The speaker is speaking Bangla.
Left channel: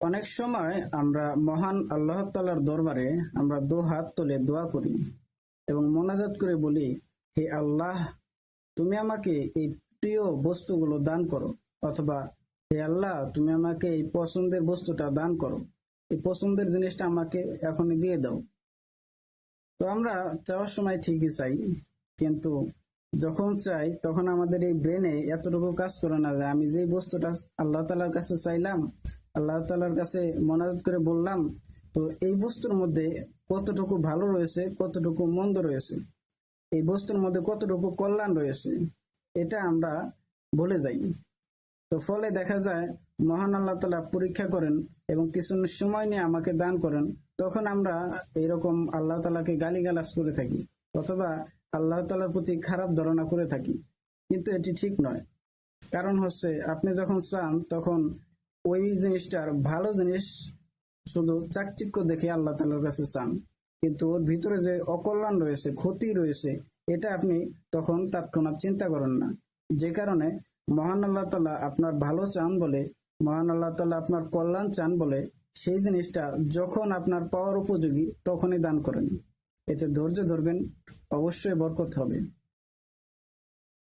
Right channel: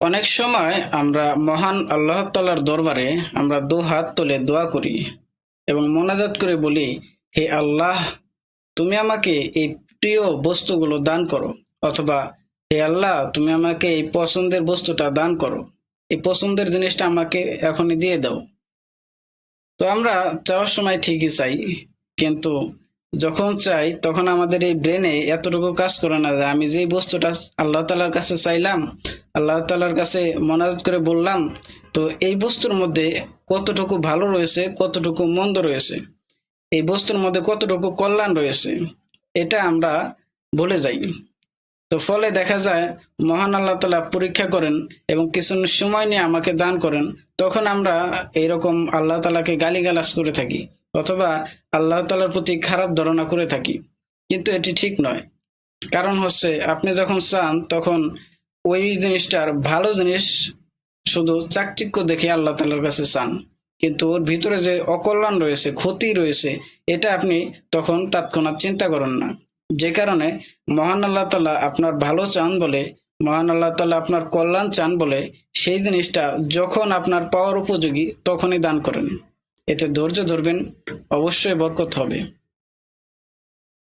অনেক সময় আমরা মহান আল্লাহ তাআলার দরবারে আমরা দু হাত তুলে দোয়া করি এবং মোনাজাত করে বলি, হে আল্লাহ, তুমি আমাকে এই প্রিয় বস্তুগুলো দান করো। অথবা, হে আল্লাহ, তুমি আমাকে এই পছন্দের বস্তুটা দান করো, এই পছন্দের জিনিসটা আমাকে এখনই দিয়ে দাও। তো আমরা চাওয়ার সময় ঠিকই চাই, কিন্তু যখন চাই তখন আমাদের এই ব্রেনে এতটুকু কাজ করে না যে আমি যে বস্তুটা আল্লাহ তাআলার কাছে চাইলাম, আল্লাহ তাআলার কাছে মোনাজাত করে বললাম, তো এই বস্তুর মধ্যে কতটুকু ভালো রয়েছে, কতটুকু মন্দ রয়েছে, এই বস্তুর মধ্যে কতটুকু কল্যাণ রয়েছে, এটা আমরা ভুলে যাই। তো ফলে দেখা যায় মহান আল্লাহ তাআলা পরীক্ষা করেন এবং কিছু সময় নিয়ে আমাকে দান করেন। তখন আমরা এইরকম আল্লাহ তাআলাকে গালিগালাজ করে থাকি, অথবা আল্লাহ তাআলার প্রতি খারাপ ধারণা করে থাকি। কিন্তু এটি ঠিক নয়। কারণ হচ্ছে, আপনি যখন চান তখন ওই জিনিসটার ভালো জিনিস শুধু চাকচিক্য দেখে আল্লাহ তাআলার কাছে চান, কিন্তু ওর ভিতরে যে অকল্যাণ রয়েছে, ক্ষতি রয়েছে, এটা আপনি তখন তৎক্ষণাৎ চিন্তা করেন না। যে কারণে মহান আল্লাহ তাআলা আপনার ভালো চান বলে, মহান আল্লাহ তাআলা আপনার কল্যাণ চান বলে, সেই জিনিসটা যখন আপনার পাওয়ার উপযোগী তখনই দান করেন। এতে ধৈর্য ধরবেন, অবশ্যই বরকত হবে।